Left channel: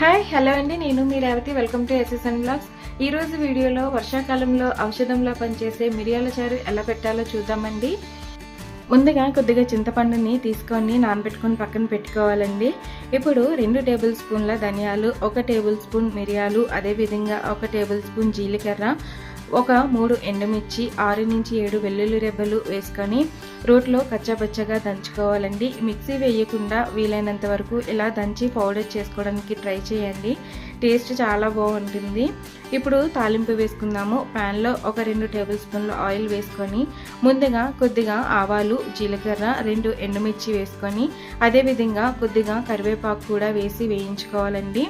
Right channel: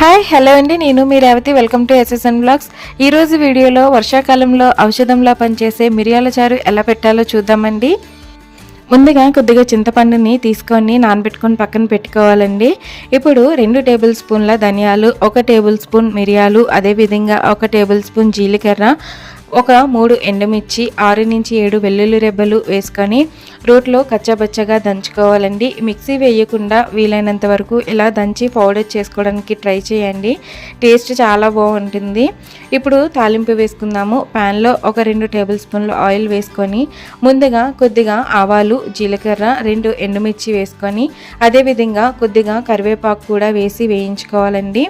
Hi hello అండి. నేను మీ Revathi. Welcome to SSN blogs ఈరోజు వీడియోలో వర్షాకాలంలో ఔషధంలా పనిచేసే మిరియాల చారు ఎలా పెట్టాలో చూద్దామండి. ముందుగా కొద్దిగా చింతపండుని తీసుకొని నానబెట్టుకొని పక్కన పెట్టుకోవాలండి. ఇప్పుడు రెండు టేబుల్ స్పూన్ల ధనియాలు ఒక టేబుల్ స్పూన్ మిరియాలు అదేవిధంగా ఒక టేబుల్ స్పూన్ జీలకర్ర ఒక మూడు ఎండుమిర్చి ఆరు నుంచి ఏడు వెల్లుల్లి రెబ్బలు వేసుకొని రోట్లో కచ్చాబచ్చగా దంచుకోవాలండి. మిక్సీ వేయకుండా వీలైనంత వరకు ఇలా దంచి పౌడర్ చేసుకోవడానికి ట్రై చేయండి. టేస్ట్ చాలా బాగుంటుంది. ఇప్పుడు తాలింపు వేసుకుందాము. ప్యాన్లో ఒక రెండు టేబుల్ స్పూన్లు ఆయిల్ వేసుకొని ముందుగా కొద్దిగా ఆవాలు జీలకర్ర రెండు ఎండుమిర్చి వేసుకొని అదేవిధంగా కొద్దిగా కరివేపాకు కూడా వేసి వేయించుకోవాలండి.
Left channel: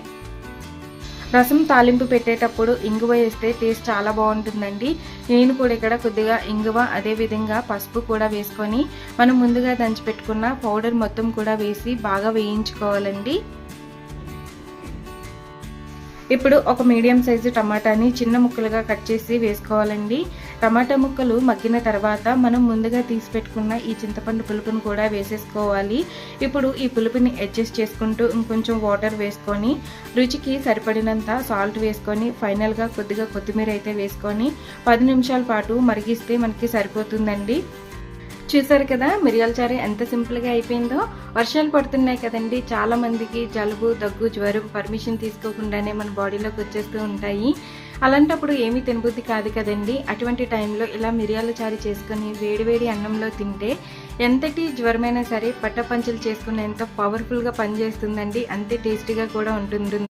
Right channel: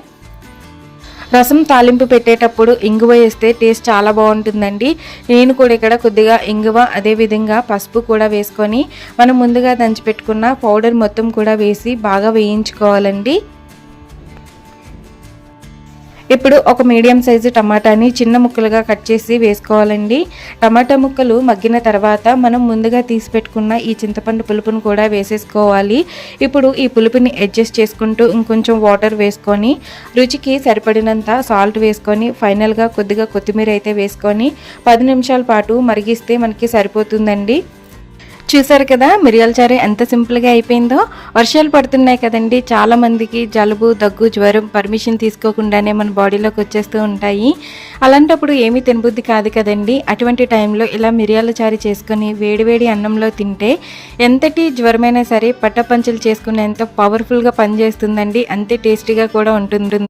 రసం తాలింపు పెట్టేటప్పుడు ఇంగువ వేస్తే టేస్ట్ చాలా బాగుంటుందండి. నేను కూడా ఇక్కడ కొద్దిగా ఇంగువ అదేవిధంగా పసుపు కూడా వేసుకొని మనం ముందుగా దంచి పెట్టుకున్న పౌడర్ మొత్తం కూడా వేసి బాగా వేయించుకోవాలండి. ఇప్పుడు ఒక మీడియం సైజు టమాటాని చిన్న ముక్కలుగా కట్ చేసి వేసుకోవాలండి. టమాటా ముక్కలు మగ్గిన తర్వాత మనం ముందుగా తీసి పెట్టుకున్న ఈ చింతపండు పులుపును కూడా వేసేసుకోవాలి. ఇప్పుడు ఈ పులుపుని అడ్జస్ట్ చేసుకుంటూ ఇంకొంచెం వాటర్ వేసుకొని రుచికి సరిపడినంత సాల్ట్ వేసుకొని ఫైనల్గా కొద్దిగా కొత్తిమీర అయితే వేసుకొని పది నిమిషాల పాటు మరిగిస్తే మనకి సరిపోతుందండి. చూసారు కదా మిరియాల చారు ఎంత సింపుల్గా అయిపోయిందో. వర్షాలు పడుతున్నాయి కదండి చాలామందికి జలుబు దగ్గు జ్వరం పర్మిషన్ తీసుకోకుండానే మన బాడీలోకి వచ్చేస్తూ ఉంటాయి. అలాంటప్పుడు ఏమీ తినబుద్ధి కాదు కదండి. అటువంటి టైంలో ఇలా మిరియాల చారు చేసుకొని వేడివేడి అన్నంలో తింటే ఎంతటి జ్వరమైనా సరే పట్టపంచలు చేసుకునేంత పవర్ఫుల్గా పనిచేస్తుందండి. అంతే టేస్టీగా కూడా ఉంటుంది